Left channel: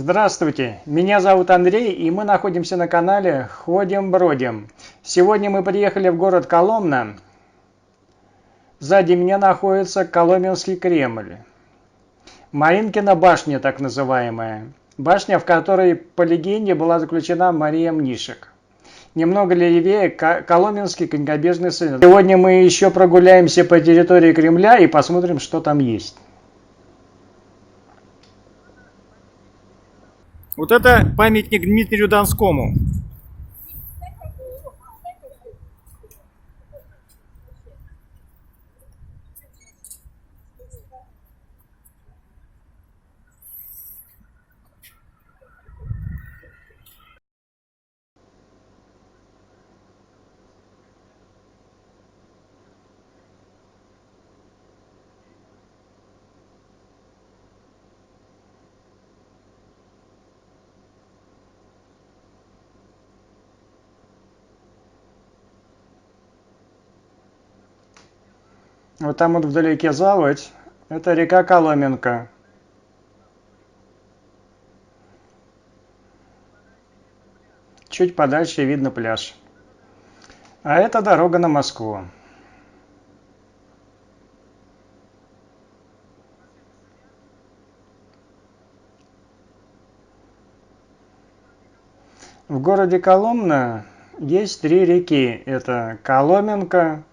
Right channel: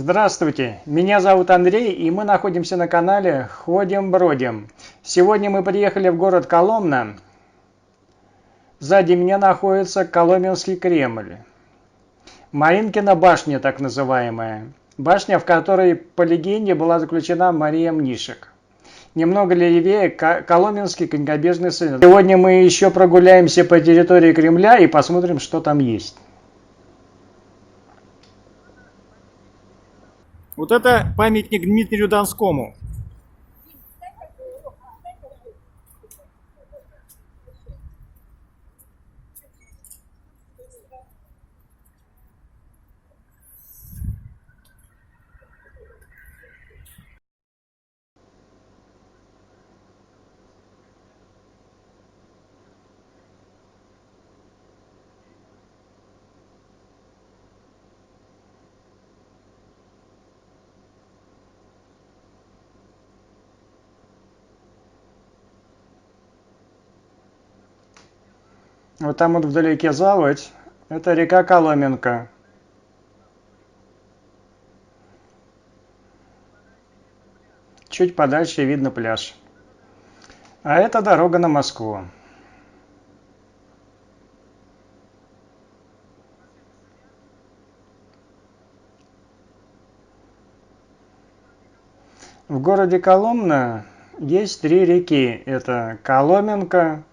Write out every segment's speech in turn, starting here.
Здравствуйте, меня зовут Андрей, и мы находимся на канале Ходим-бродим. Сегодня мы приехали в город Коломна. Сзади меня находится Коломенский Кремль. Маринкина башня, так называемая. Башня, в которой, по легенде, была заключена Мария Мнишек. Немного левее Коломенский конькобежный центр. Сегодня мы еще прогуляемся по территории Кремля и посмотрим, что там есть. Вот это памятник Дмитрию Донскому. Вот там вот вдалеке заводь. Это река Коломенка. Чуть подальше видно пляж. А это дорога на Москву. В городе Коломна есть три реки. Это Коломенка,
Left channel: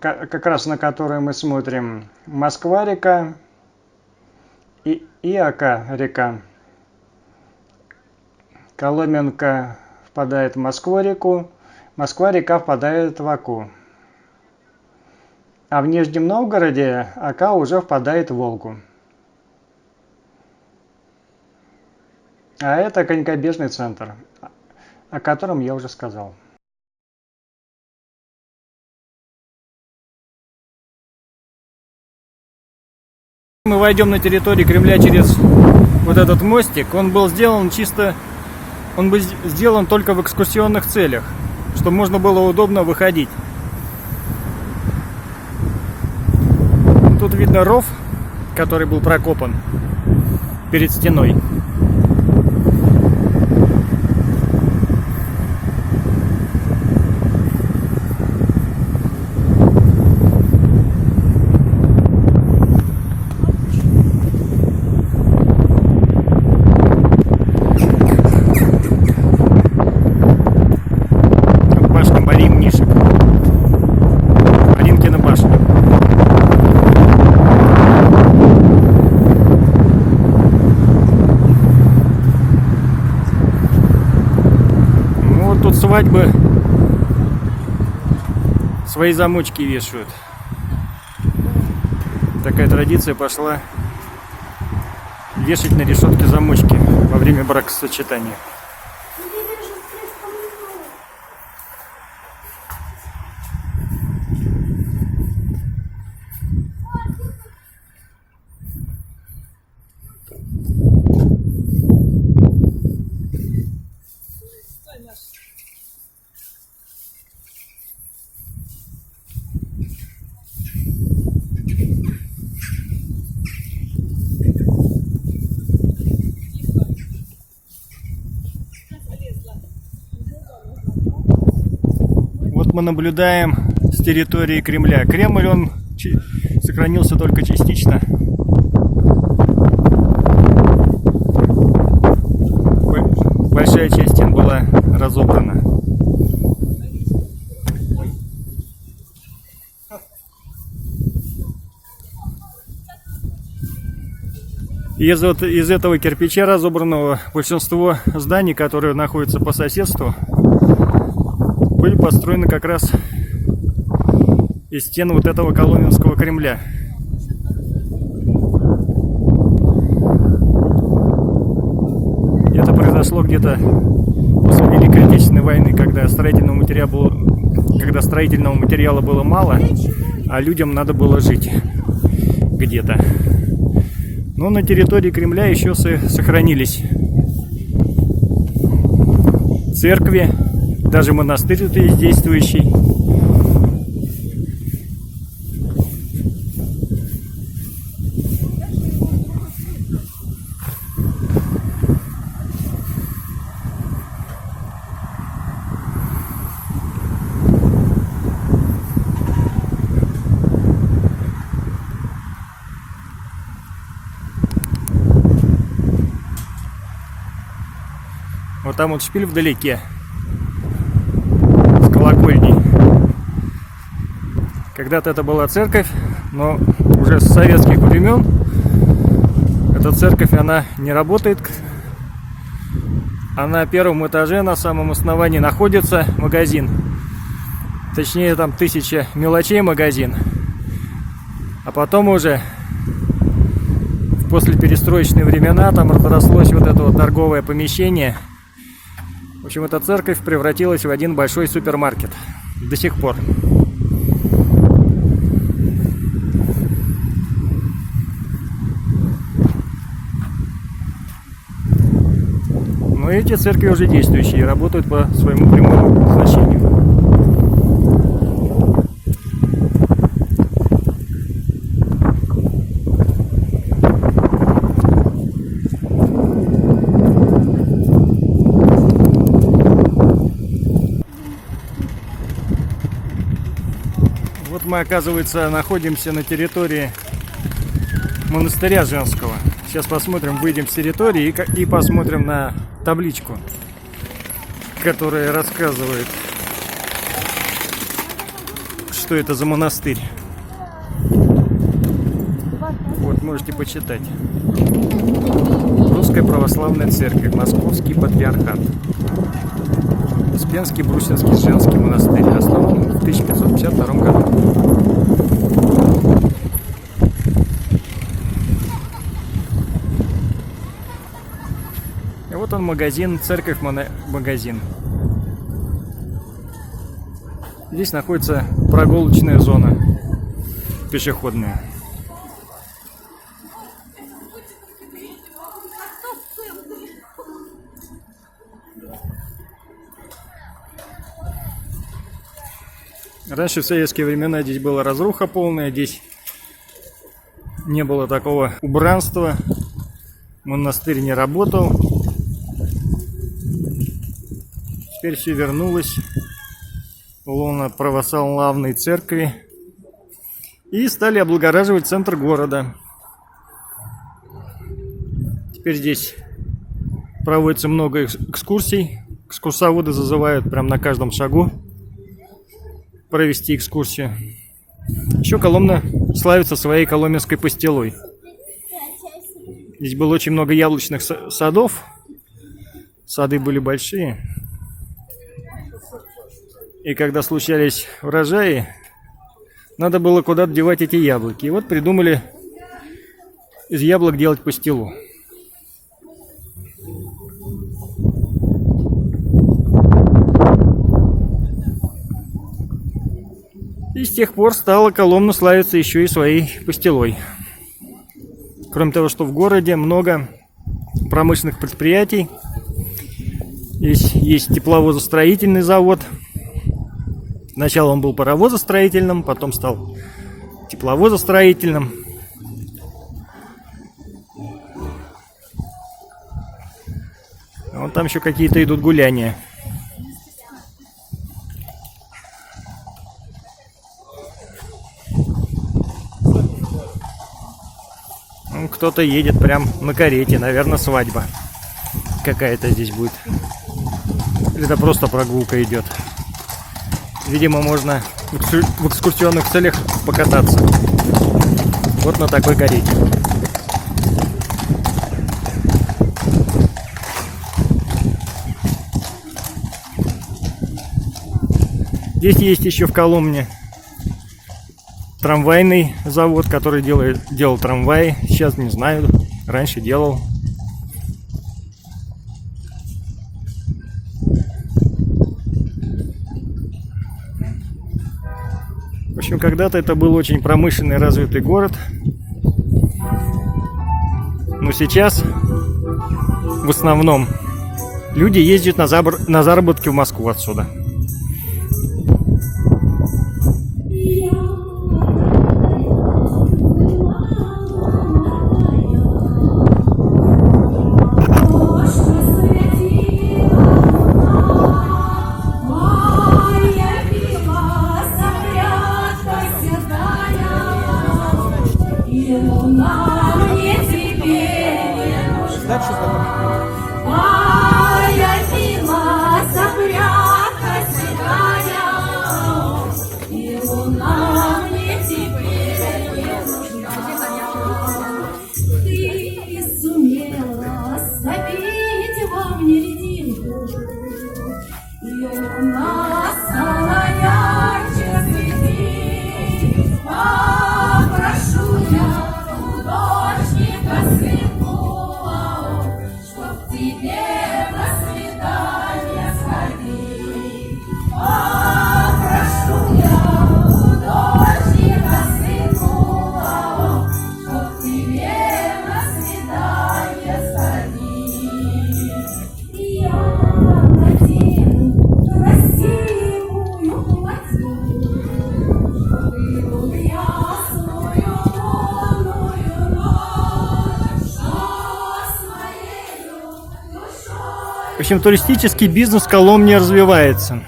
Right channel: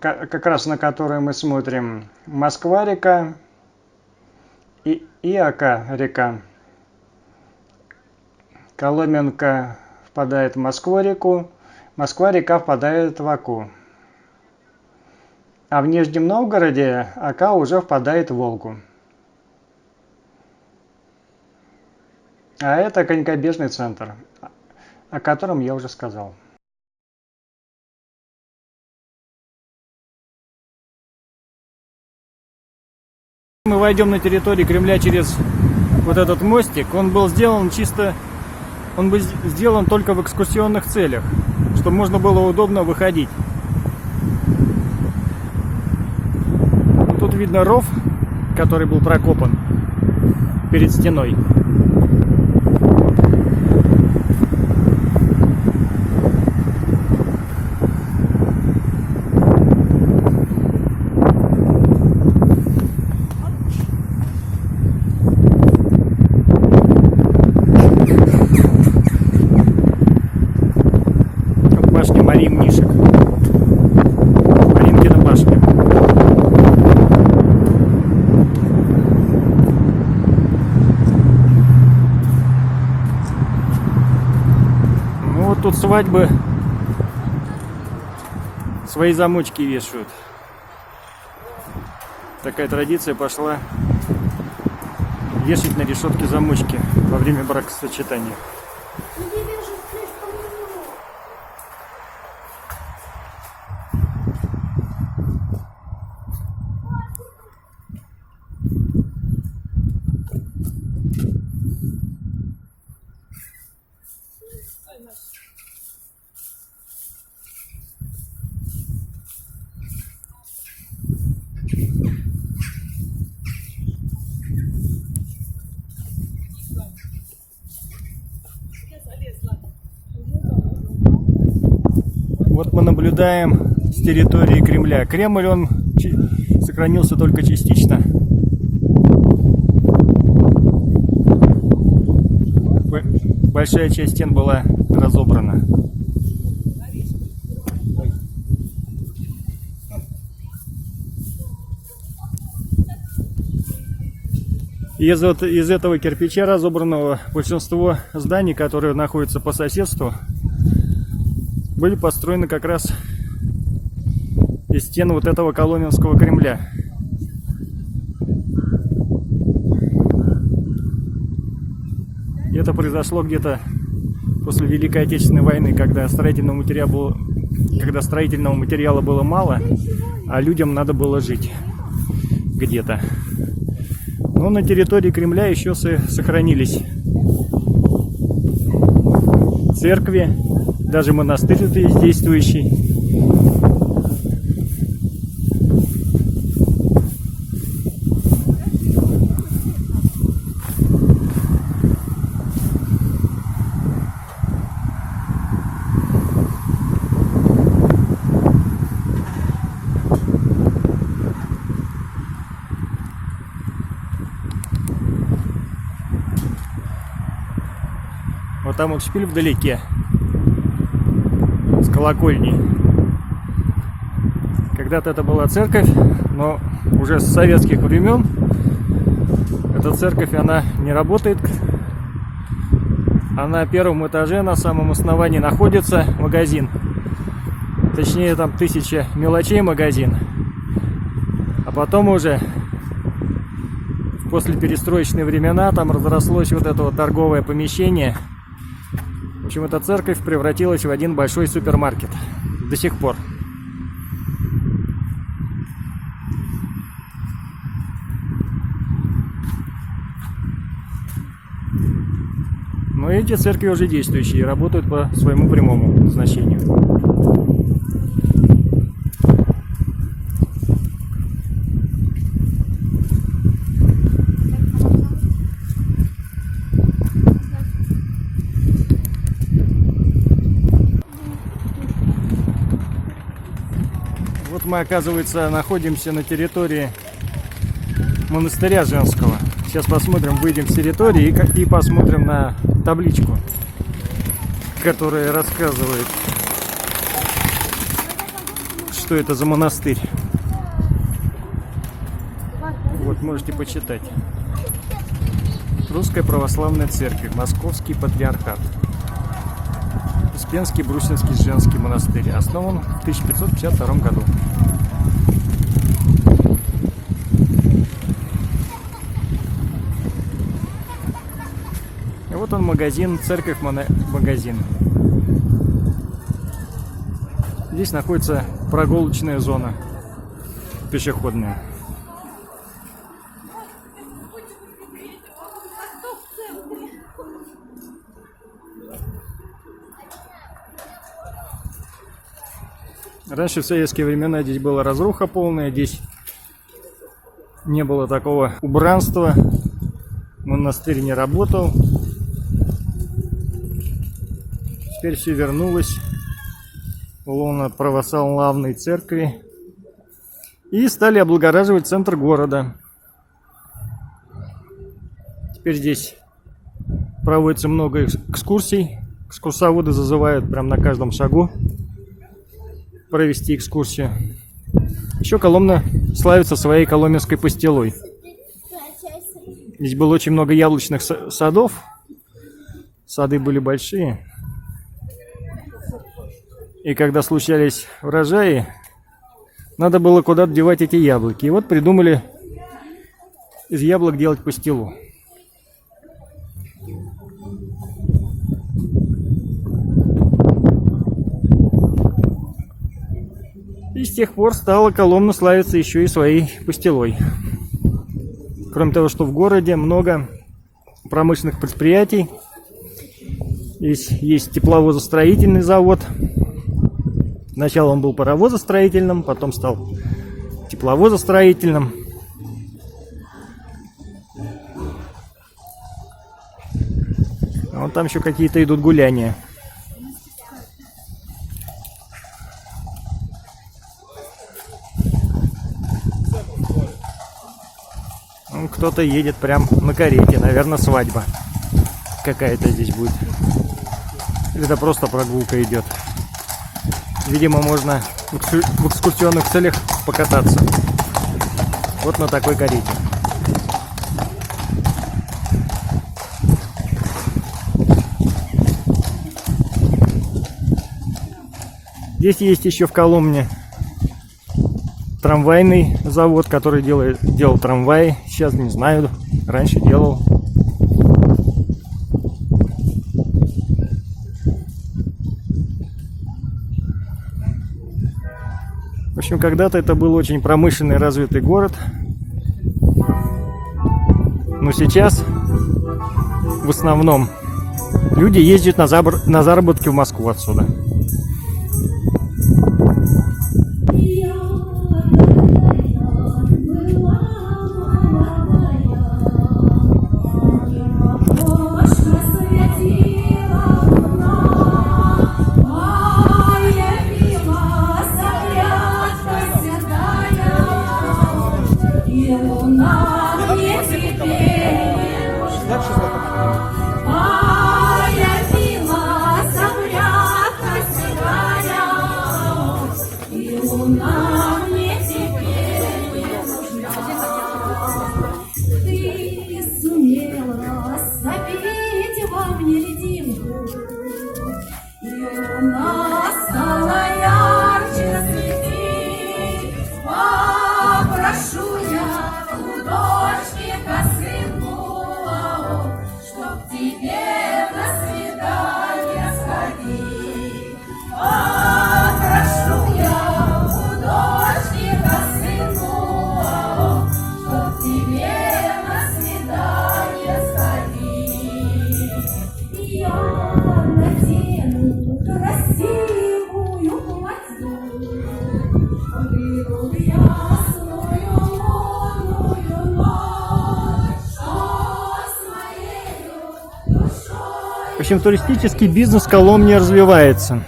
как раз на которую мы смотрим, Москва-река и Ока-река. Коломенка впадает в Москву-реку, Москва-река впадает в Оку. А в Нижнем Новгороде Ока уже впадает в Волгу. А это конькобежный центр, о котором я уже сказал. Мы войдем на территорию Кремля через вот этот мостик. Он был сделан только в экскурсионных целях, чтобы можно было удобно выходить. Тут видно ров, который был прокопан перед стеной. Марии Мнишек. Маринкина башня. Ну вот тут свадьбы свои замочки вешают. Такая традиция пошла вешать на решетке замочки во время бракосочетания. Вот мы наблюдаем с территории Кремля. Кремль, он сохранился только частично. Большая часть стен была разобрана. Из этого кирпича разобранного большинство зданий, которые находятся по соседству, были построены как раз из стен вот этого Коломенского Кремля. Это произошло где-то после Великой Отечественной войны, когда строительного материала было мало, а людям надо было жить где-то. Но на территории Кремля еще сохранились церкви, даже монастырь тут есть действующий. Вот там вот шпиль вдалеке с колокольней. Когда-то это была церковь, но уже с советских времен эта церковь, она не работает. А на первом этаже, на самом основании, находится магазин. Точнее, там 1000 мелочей магазин. А потом уже, в послеперестроечные времена, там разрослось вот это вот торговое помещение. В общем, эта церковь превратилась в один большой супермаркет. До сих пор. Но эти церкви уже действующие и работают по своему прямому назначению. Вот мы, оказывается, находимся на территории монастыря женского. Сейчас посмотрим, выйдем с территории и посмотрим на табличку, которая рассказывает, что это за монастырь. Вот, можете почитать. Русская православная церковь, Московский патриархат. Успенский Брусинский женский монастырь. Основан в 1552 году. И вот он, магазин, церковь, магазин. Здесь находится прогулочная зона пешеходная. Раньше, в советские времена, здесь была разруха полная, здесь не было такого убранства, монастырь не работал. Теперь все вернулось в лоно православной церкви и стали облагораживать центр города. Теперь здесь проводится много экскурсий, экскурсоводы зазывают прямо на каждом шагу провести экскурсию. Еще Коломна славится своей коломенской пастилой. Здесь было очень много яблочных садов. Сады были большие. И когда случались урожаи, надо было куда-то девать эти яблоки. И вот придумали из яблок делать пастилу. И с тех пор стала Коломна славиться еще и своей пастилой. Кроме того, что в городе много промышленных предприятий. Здесь есть тепловозостроительный завод. Сначала он был паровозостроительным, потом стал тепловозостроительным. А вон там еще какие-то идут гуляния. Кто-то едет прям на карете, наверное, свадьба какая-то здесь будет. Или это просто прогулка идет. Видимо, можно в экскурсионных целях покататься. Вот на такой карете. Здесь есть еще в Коломне трамвайный завод, который делал трамваи. Сейчас не знаю, раньше делал. В общем, когда-то это был очень промышленный, развитый город. Но сейчас в основном люди ездят на заработки в Москву отсюда. Дальше Луна стала ярче светить, попрошу я художника сынку, чтоб тебе на свидание сходить. Попрошу я художника сынку, чтоб тебе на свидание сходить. Я надену красивую платью, выйду в ясную лунную ночь, с моею душой. В общем, туристический бизнес в Коломне развивается.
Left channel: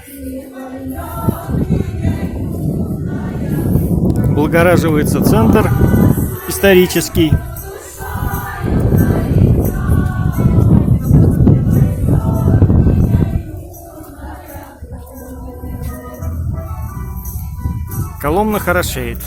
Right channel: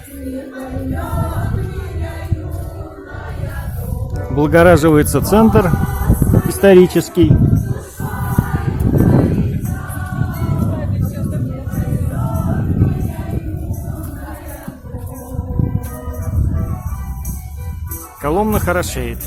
Облагораживается центр исторический. Коломна хорошеет.